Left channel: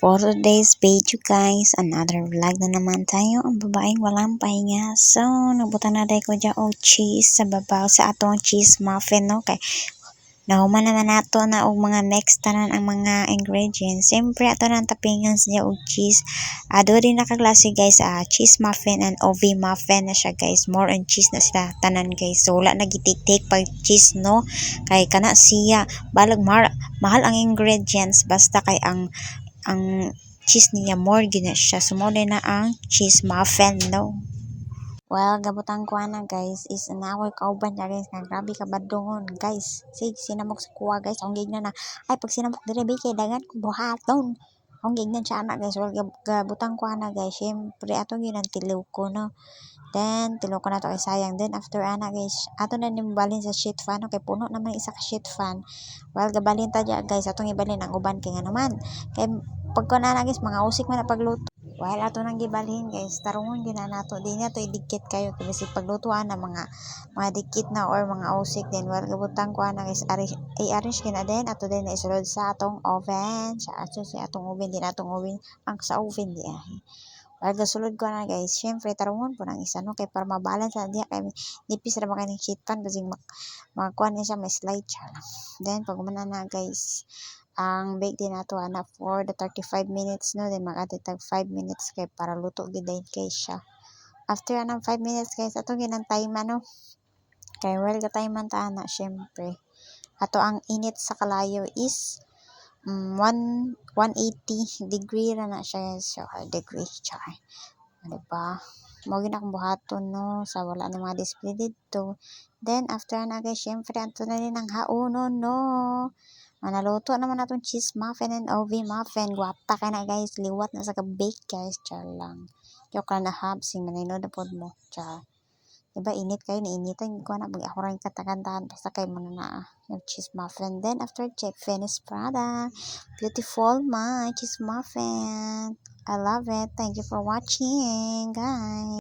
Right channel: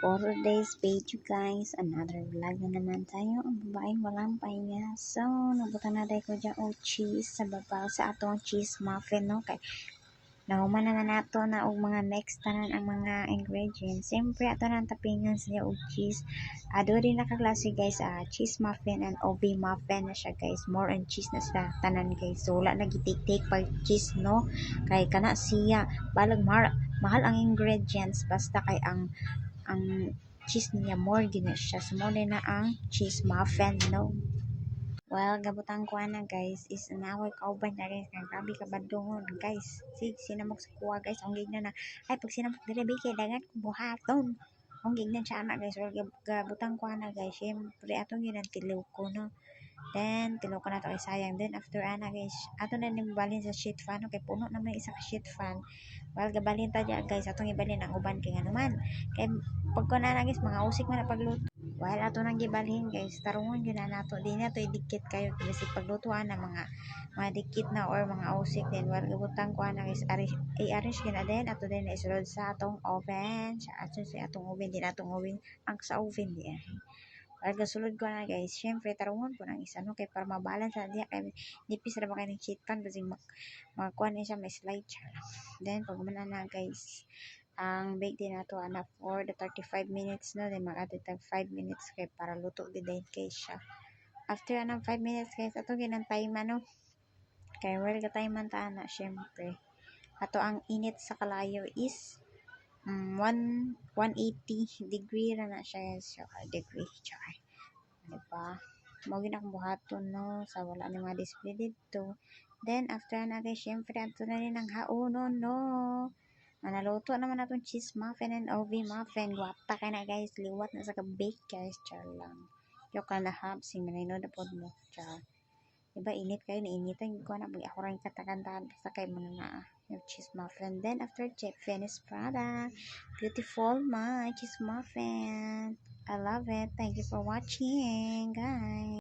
For today's video guys, another vlog na naman tayo. Ang babaeng walang pahinga. So, nabutan na ko dyan og cheese sa babaw sa atong cheese muffin, no? Kay nahuman naman nato na og mga mix tanan ang mga ingredients. Siyempre ato nang tapingan siya og cheese. Ado rin na kaklase guys, cheese muffin and OV muffin na siya guys. More on cheese na sila tanan guys. So wala na gitik-tik pag cheese, no? Kay kana siya balag mahal ang ingredients basta kay ang cheese niya more gina siya. Sumuli na ang cheese muffin, no? Well, gabutang ko na guys is nakoy kauban na guys nga grabe ka badungon guys. Sig sinamok sa kuha guys. Ang gigna na ay pag sinamok dire bay kay dagan ko buhaton. Ang gigna siya anak guys. Well, gabutang ko na guys. Syempre atong ginantilaw ko, no. Then tilaw ko na to kay sayang. Then after ana guys, ato na nimbalin sa sheet fan, okay, puno naman isa ka sheet fan. Well, gabalin ta dya guys, atong ibalin ang uban kay nga naman. Kay pag ko na guys, mga usik man na pagluto. While ato nang gibalhin guys, tarungon gyud na nato. Di na to idikit kayo kasi paglutuan na mga dikit na or mga usik din. Well, gabutang ko na guys, i-arrange kina din ato din na isulod sa atong oven. Sa atong oven din atong oven ang sa oven di ay. Well, gasulod ko na guys. Syempre tarungon po ng isa, no, kay para mabalance na diya kay nipis ra ba kay ng sheet pan kasi magkuan ni siya may slide siya. Then pag umana na guys, ang bake din nato ana for the 35 minutes, no. Then mag-add tag 5 minutes kay para luto gid kay siya. After anang 5 minutes guys, ato ginang time, no. Kay well ka time man ta ana syempre. Ato ang init sa kalayo is 180 degree ra na siya. So degree char. Diba? Mo gina akong buhaton, no, sa wala na mga display dito. Then after na guys, syempre ato na rin ang haonon, no. Naluto naman natong cheese muffin and OV muffin. Guwapa ka na guys. Liwat na sa ka-bake guys. Char lang. Joke lang na habsing. Maninood na po mo. Char. Diba init kayo. Nainitan ko na. Pag ako rin katakantahan. Basta kayo muna na yung cheese muffin. Then after check, finished product. Beautiful my cheese muffin. I love it. Thank you for watching guys.